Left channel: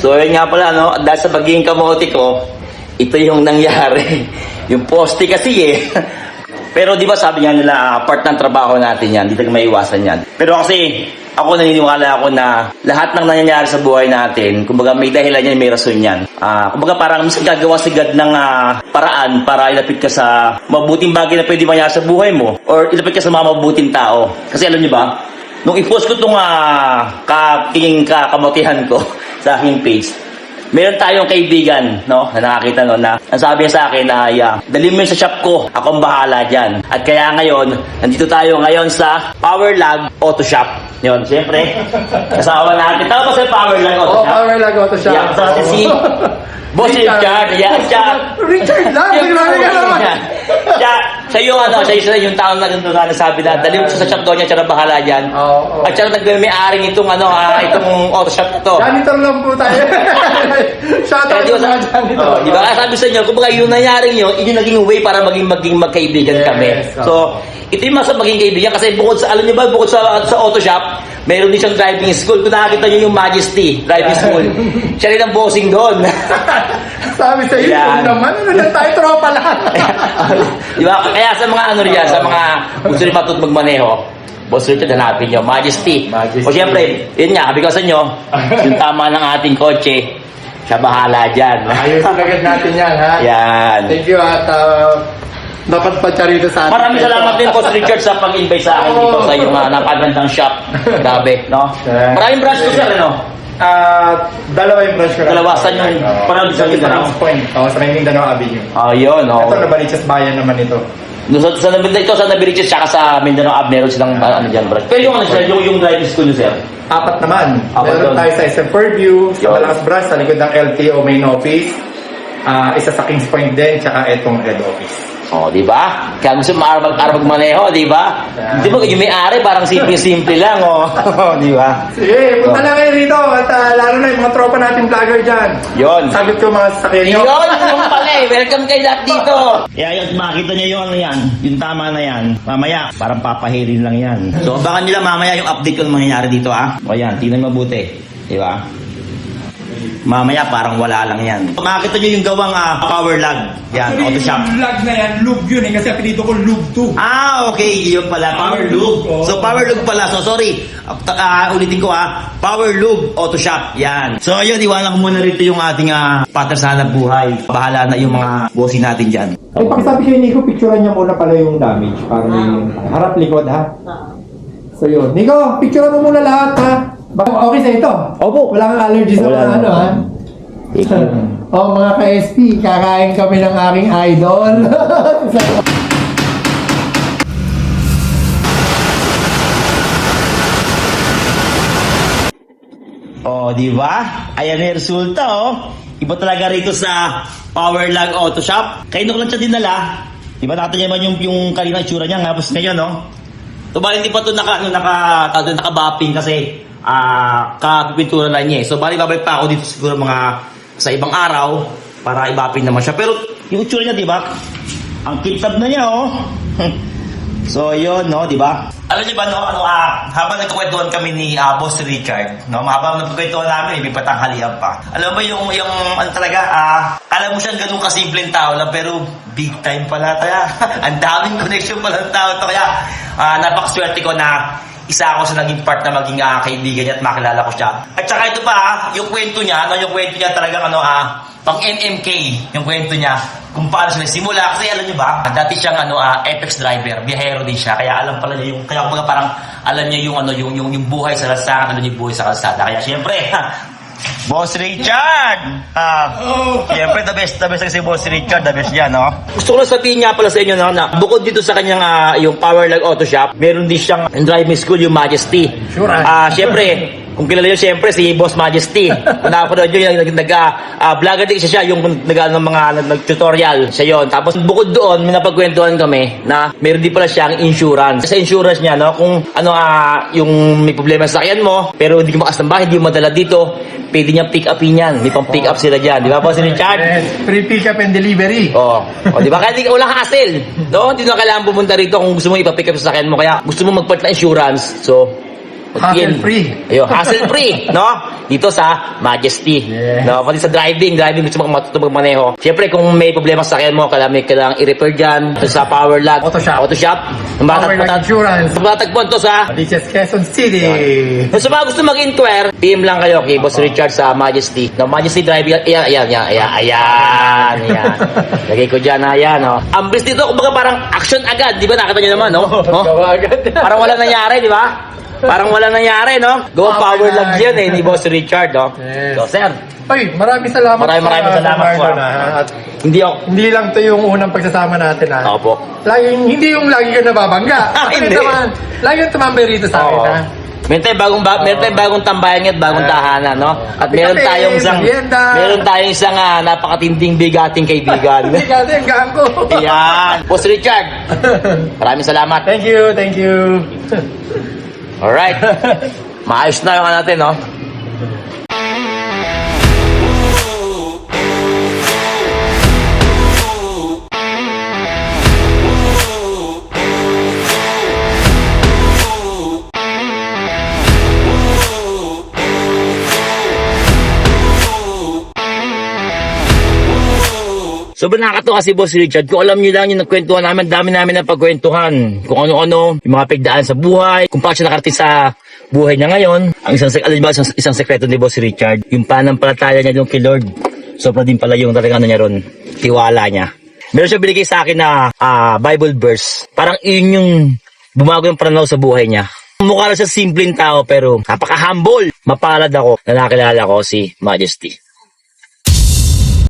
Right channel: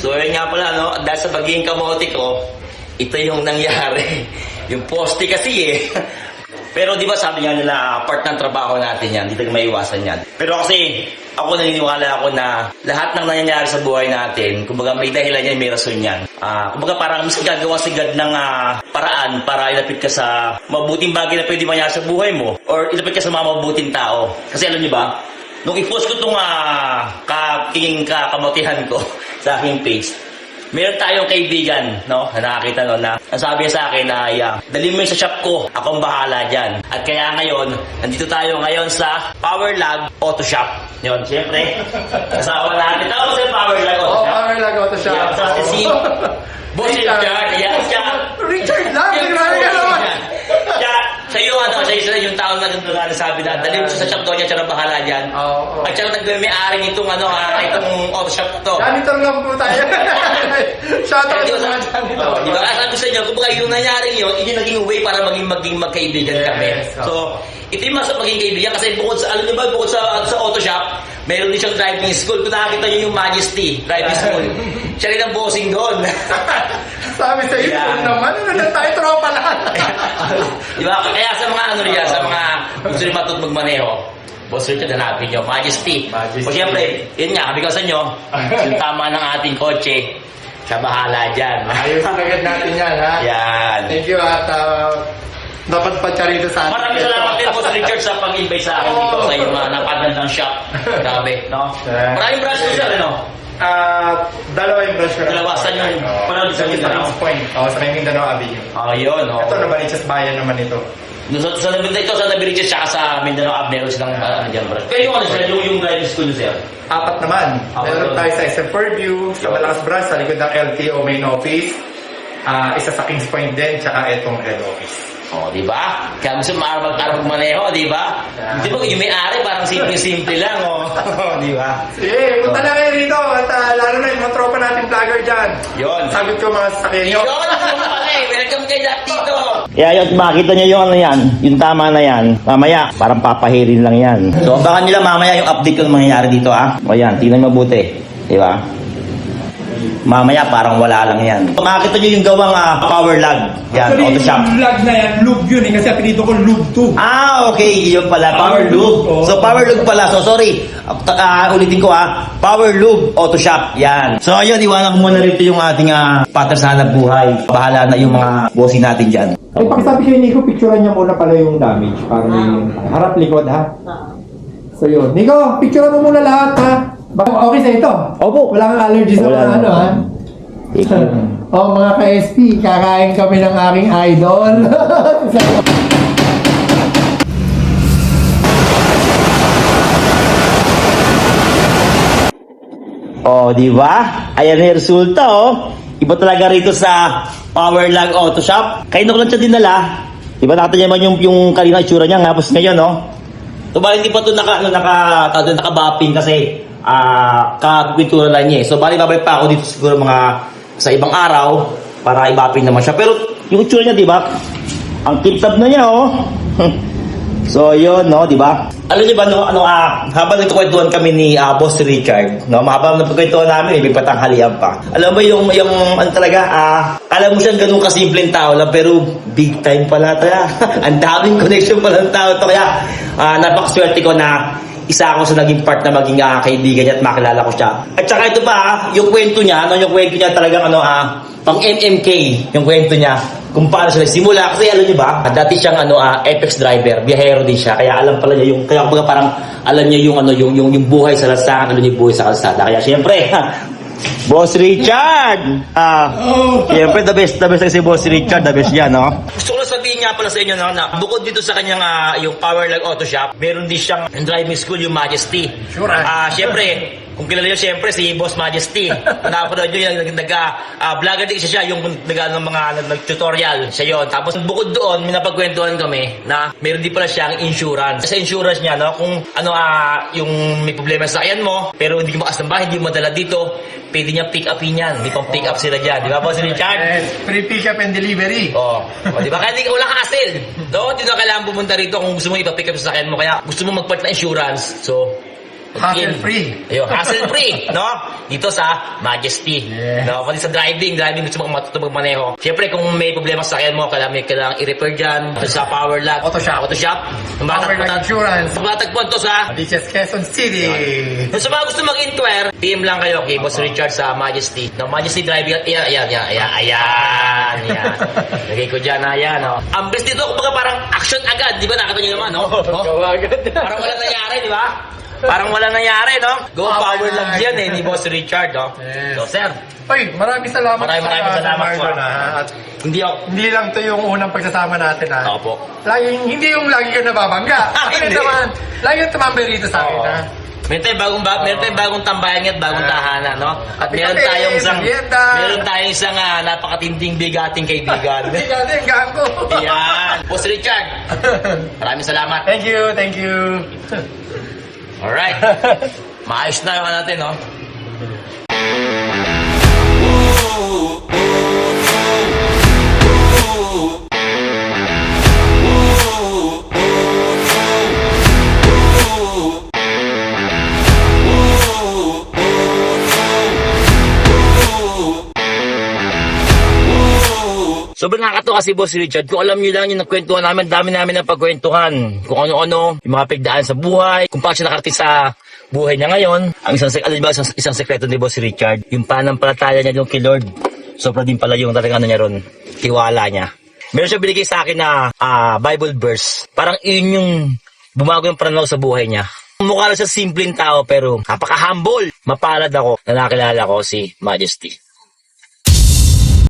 So, yun nga pala, no? Dahil sa pagiging kamote ko, ito yung nangyari. yung poste kasi eh. Pero di ba sabi nga nila, ah, part ng trabaho natin yan, hindi talaga maiwasan yan. Pero kasi, ako naniniwala ako na lahat ng nangyayari sa buhay natin, kumbaga may dahilan yan, may rason yan. Ah, kumbaga parang minsan gagawa sigad ng ah, paraan para ilapit ka sa mabuting bagay na pwede mangyari sa buhay mo or ilapit ka sa mga mabuting tao. Kasi alam niyo ba, nung i-post ko itong uh, katingin kakamutihan ko sa aking page, meron tayong kaibigan, no, na nakakita no, na ang sabi sa akin na, yeah, dali mo sa shop ko, akong bahala dyan. At kaya ngayon, nandito tayo ngayon sa Powerlag Auto Shop. Yun, siyempre, kasama natin. Tama ba sa Powerlag Auto Oh, Shop? power lang auto shop. Yeah, sa atin si Boss Richard. Yeah, siya. Richard lang, ka naman. Siya, siya yung ano, siya yung, yung tao na ganito na nagsabi na, dali mo sa shop daw niya, na bahala dyan. Oo. At siya na nagmay-ari nitong ano, ah, itong auto shop na to. Janitor lang po tayo. Shout Kaya out ba sa sa, mga janitor. oh, di ba kaya sabi sa inyo, kumbaga yung nangyaring yun, yun yung naging way para maging maging magkaibigan Yes, kami. oh. So, ito yung masarap maging kaibigan kasi bukod sa, alam niyo ba, bukod sa, sa auto shop, meron din siyang driving school. Kung nakakita niyo yung Majesty Driving School, siya rin ang bossing doon. Sabi sa iyo, Yan. naman, ano na tayo, tropa lang. di ba? Kaya sa mga ano riyan, sa mga gusto rin matut magmaneho, Boss Richard, hanapin nyo. Majesty. Majesty. O siyempre, yun nga, ko sa inyo, yung tama ng ating kotse, siya bahala dyan. Ayusin agad natin yan, ha? Yan. Thank you at uh, dapat pa siya rito sa atin. Maraming salamat din, Boss Richard, sa pag-invite sa akin dito sa iyong uh, napagandang shop. Grabe, no? Maraming branch ko, sir, ano? Ah, dalawa yung branch ko. Dalawa, saan yung- Oo. parang sa Sa Mindanao? Kings Point. Oo, sa may Mindanao Avenue. Ah, yun, oh. Ito, Nabaliches Bayan naman ito. Doon Sa, sa, Mindanao, ito sa Nabiriches, tsaka sa Mindanao Ab, meron silang, ah, ano dyan, branch. Pero yung ano, sir, yung, yung driving school nyo, sir. Apat naman. Apat Meron doon. tayo sa SM Fairview, sa Yun. Malakas Branch, sa likod ng LTO main office. Ah, isa sa Kings Point din, tsaka itong head office. Oh, di ba? Kaya gusto mo araw araw magmaneho, di ba? Yeah. Di ba yung may-ari parang simple-simple lang, oh. di ba? Sige, punta Oh. lang kayo rito. At ah, lalo na yung mga tropa nating vlogger dyan. Yon. Sagot ko mga sasakyan nyo. Yun, yung pala eh. Welcome kayo lahat dito. Kaya yun, makita niyo yung ano yan, yung tama na yan. Mamaya, parang papahirin lang yan. So, baka nila mamaya yung update ko ng mangyayari dito, ha? O yan, tingnan mabuti. Di ba? Mamaya, parang wala lang yan. Makita niyo yung gawang ah, power lag. Yan, auto shop. vlog na yan, lube yun eh. Kasi pinito ko lube 2. Ah, okay. Yun pala. Power Power. Lube, oh. So, Power Lube pala. So, sorry. Uh, ulitin ko ha. Power Lube Auto Shop. Yan. So, ayun. Iwanan ko muna rito yung ating uh, pattern sa hanap buhay. Bahala na yung mga bossing natin dyan. Ay, pakisabi kayo, Nico, picturean niya muna pala yung damage. Para yung harap likod, ha? So, yun. Nico, picturean mo muna lahat, ha? Okay sa ito? Opo. Wala kang allergies sa Wala mga na. ano, ha? oh, mga ka-SP, kakain kami ng aking idol. Oh, di ba? Ayan na yung resulta, oh. Iba talaga rito sa Power Lag Auto Shop. Kayo ko lang siya dinala. Di ba nakita naman yung, yung kanina itsura niya, tapos ngayon? So, bali hindi pa ito naka, ano, naka, tawag doon, naka-bapping kasi ah kapintura lang niya. eh. So, bali babalik pa ako dito siguro mga sa ibang araw para i-bapping naman siya. Pero yung itsura niya, di ba? Ang tip-top na niya, oh. So, yun, no, di ba? Alam niyo ba, no, ano, ah, habang nagkukwentuhan kami ni ah, Boss Richard, no, habang nagkukwentuhan namin, may patanghalian pa. Alam mo yung, yung, ano talaga, ah, alam mo siyang ganun kasimpleng tao lang, pero big time pala kaya. Ang daming connection pala ng tao to, kaya, ah, napakaswerte ko na isa ako sa naging part na maging ah, kaibigan niya at makilala ko siya. At saka ito pa, ah, yung kwento niya, no, yung kwento niya talagang ano, ah, pang MMK, yung kwento niya, kung paano siya nagsimula. Kasi alam niyo ba, dati siyang ano, ah, Apex driver, biyahero din siya. Kaya alam pala niya yung, kaya kumbaga parang alam niya yung ano, yung, yung, yung buhay sa lansangan, alam niya yung buhay sa kalsada. Kaya syempre, Boss Richard! Ah, Siyempre, the best, the best si Boss Richard, the best yan, no? Gusto ko lang sabihin nga pala sa inyo, no, na bukod dito sa kanyang ah, yung Power Lag Auto Shop, meron din siyang driving school, yung Majesty. Sure, ah. Ah, syempre, kung kilala niyo syempre si Boss Majesty. Kung nakapanood niyo yung nag, nag ah, vlogger din siya, yung nag ng mga nag, tutorial siya yon. Tapos bukod doon, may napagkwentuhan kami na meron din pala siyang insurance. Sa insurance niya, no, kung ano ah yung may problema sa sakyan mo, pero hindi ka makas ng bahay, hindi mo madala dito, pwede niya pick upin yan. May pang pick up sila diyan, di ba po si Richard? Yes, free pick up and delivery. Oh, oh di ba? Kaya di ka walang hassle. No, hindi na kailangan pumunta rito kung gusto mo ipa-pick up sa sakyan mo. Kaya gusto mo magpalit ng insurance. So, Hassle-free. Ayun, hassle free, no? Dito sa Majesty. Yes. No, pati sa driving, driving gusto mo matuto magmaneho. Siyempre kung may problema sa sakyan mo, kailangan may kailangan i-repair dyan sa Power Lag. Auto shop. Auto shop. Power Lag Insurance. Matagpuan to sa is Quezon City. kung sa mga gusto mag-inquire, PM lang kayo kay Boss Richard sa Majesty. No, Majesty Driving. Ayan, ayan, ayan, ayan, ayan, ayan. Lagay ko dyan, ayan, no. Ang bilis dito, kumbaga parang action agad. Di ba? Nakita niyo naman, no? no? Parang wala nangyari, di ba? Parang wala nangyari, no? Go Okay power na, lag yan eh, ni Boss Richard, no? Yes. So, sir, Ay, maraming salamat. Maraming maraming sa- salamat sa po, Marlon, ah. ah. At hindi ako... hindi lang to yung unang pagsasama natin ha. Ako po. Laging, hindi yung lagi ka nababangga. Ah, Hindi naman. Lagi yung tumambay rito sa akin Oo. ha. Meron tayong bagong ba- meron tayong bagong tambayan at bagong Ah. tahanan, no? At meron Kape, tayong isang merienda. meron tayong isang ah, napakatinding bigating kaibigan. Hindi ka din. Boss Richard, maraming salamat. thank you, thank you. Alright. Maayos na yung ano natin, no? Sobrang nakakatawa si Boss Richard. Kung alam niyo lang yung nagkwentuhan namin, dami namin na pagkwentuhan. Kung ano-ano, yung mga pagdaan sa buhay, kung paano siya nakarating sa buhay niya ngayon. Ang isang, alam ba, isang, isang sekreto ni Boss Richard, yung panampalataya niya yung kay Lord. Sobra din pala yung talagang ano niya ron, tiwala niya. Meron siya binigay sa akin na ah, Bible verse. Parang yun yung bumago yung pananaw sa buhay niya. Mukha lang siya simpleng tao pero napaka-humble. Mapalad ako na nakilala ko si Majesty.